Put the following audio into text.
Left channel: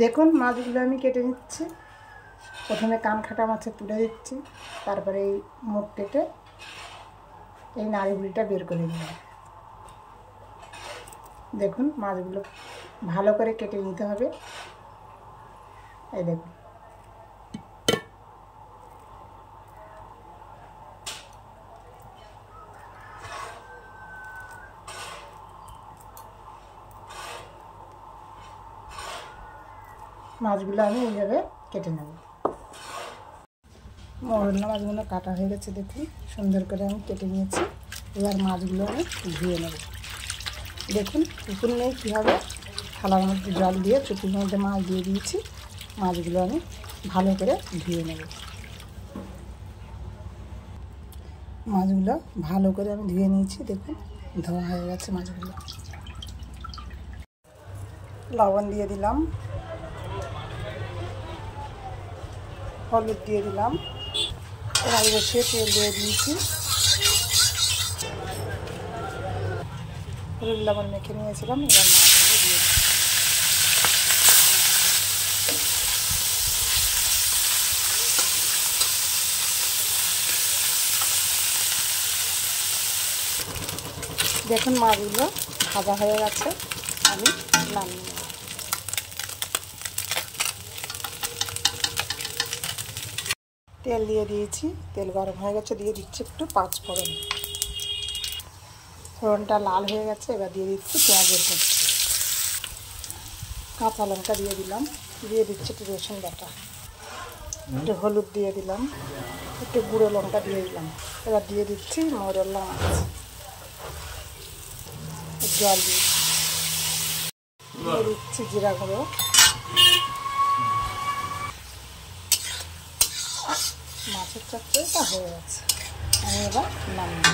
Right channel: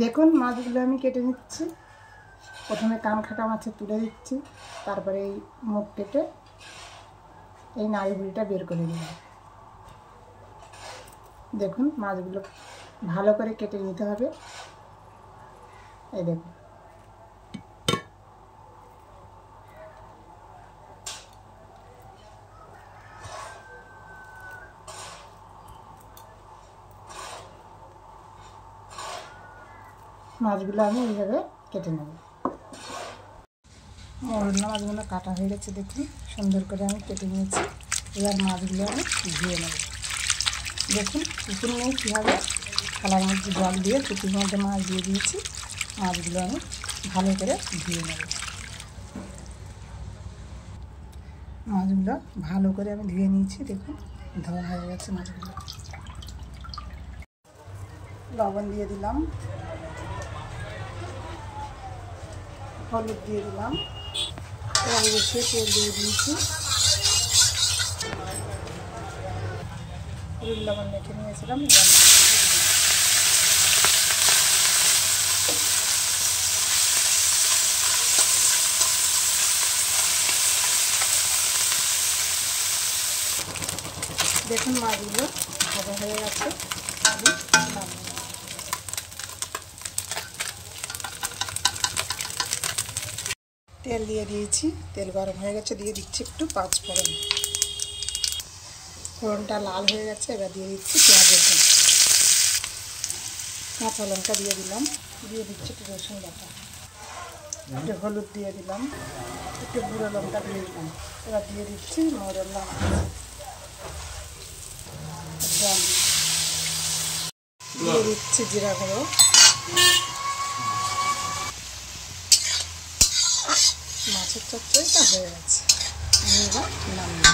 দেখুন মাছগুলো আমি কেটে নিচ্ছি। প্রথমে কান কাটা মাছে তুলে দিচ্ছি, তারপরে এই মুখ কেটে এই নাড়িভুড়িটা বের করে দিলাম। দেখুন মাছগুলো ভালো করে কেটে নিতে হবে। এই দেখুন মাছগুলো আমি এইভাবে কেটে নেব। মরলা মাছগুলো কাটা হয়ে গেছে, দেখুন সুন্দর করে আমি কেটে নিয়েছি। এবার মাছগুলো আমি ধুয়ে নেব। দেখুন পুকুর নেই কীভাবে থালার মধ্যে জল দিয়ে চুপির মধ্যে মাছ দিয়ে দিয়েছি। মাছগুলো আমি ভালো করে ধুয়ে নেব। মাছগুলো ভালো করে আমি ধুয়ে নিয়েছি। দেখুন ধোয়া হয়ে গেছে মাছগুলো। লবণ দিয়ে দিলাম, হলুদ দিয়ে দিলাম, কড়াই বসিয়ে তেল দিয়ে দিয়েছি। হলুদ লবণ মেখে নিয়েছিলাম, এবার মাছগুলো দিয়ে দিলাম। দেখুন মাছগুলো ভাজা হয়ে গেছে, আমি নামিয়ে নেব। তেল দিয়ে দিয়েছি, তেল গরম হয়ে গেছে, দিয়ে দিচ্ছি একটু পাঁচফোড়ন। ফোড়নটা লাল হয়ে গেছে, এবার দিয়ে দিচ্ছি পেঁয়াজের কুচি, কাঁচা লঙ্কা দিয়ে দিলাম, দিয়ে দিচ্ছি একটু রসুন বাটা, একটু হলুদ দিয়ে দিলাম, একটু গুঁড়ো লঙ্কা দিয়ে দিলাম। এবার দিয়ে দিচ্ছি মরলা মাছ, জল দিয়ে দিচ্ছি জিরা গুঁড়ো। মাছের চচ্চড়িটা হয়ে গেছে, আমি এবার নামিয়ে